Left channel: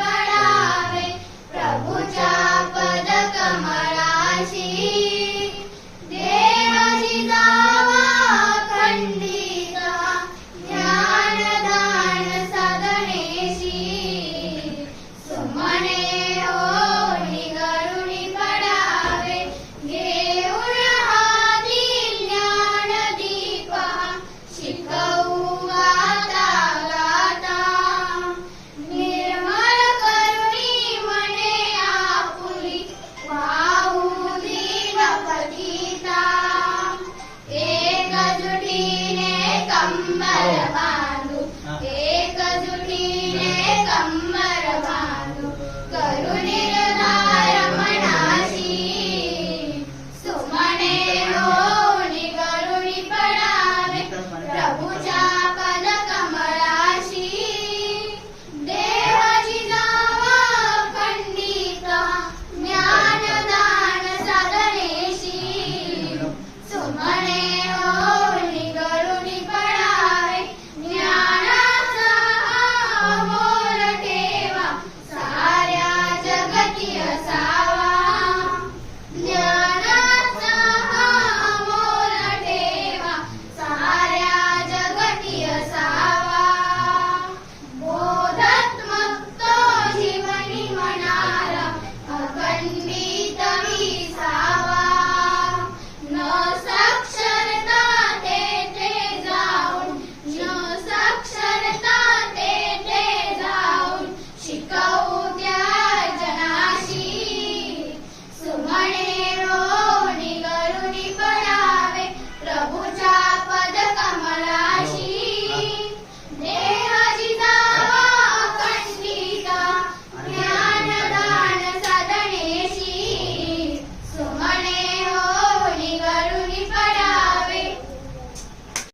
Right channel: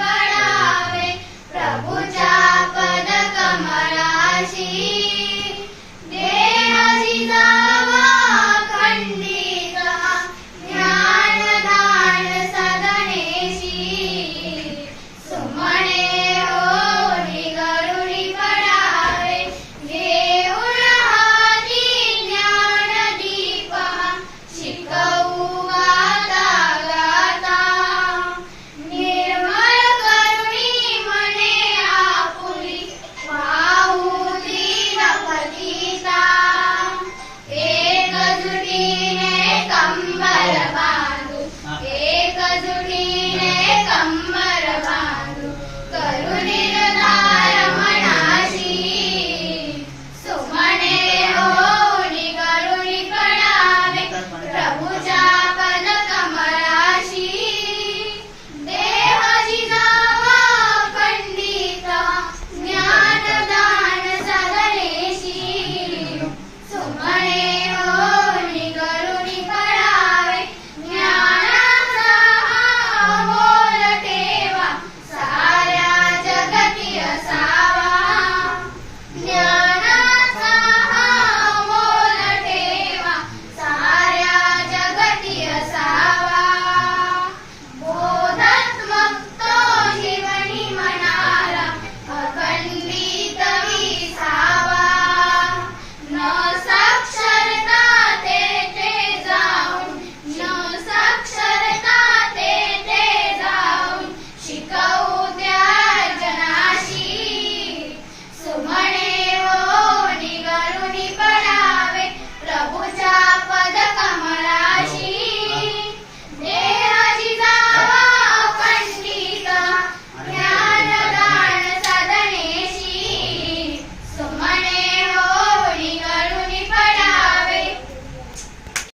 पडावे प्रभूच्या पद कमलाशी झुटी है कम्बल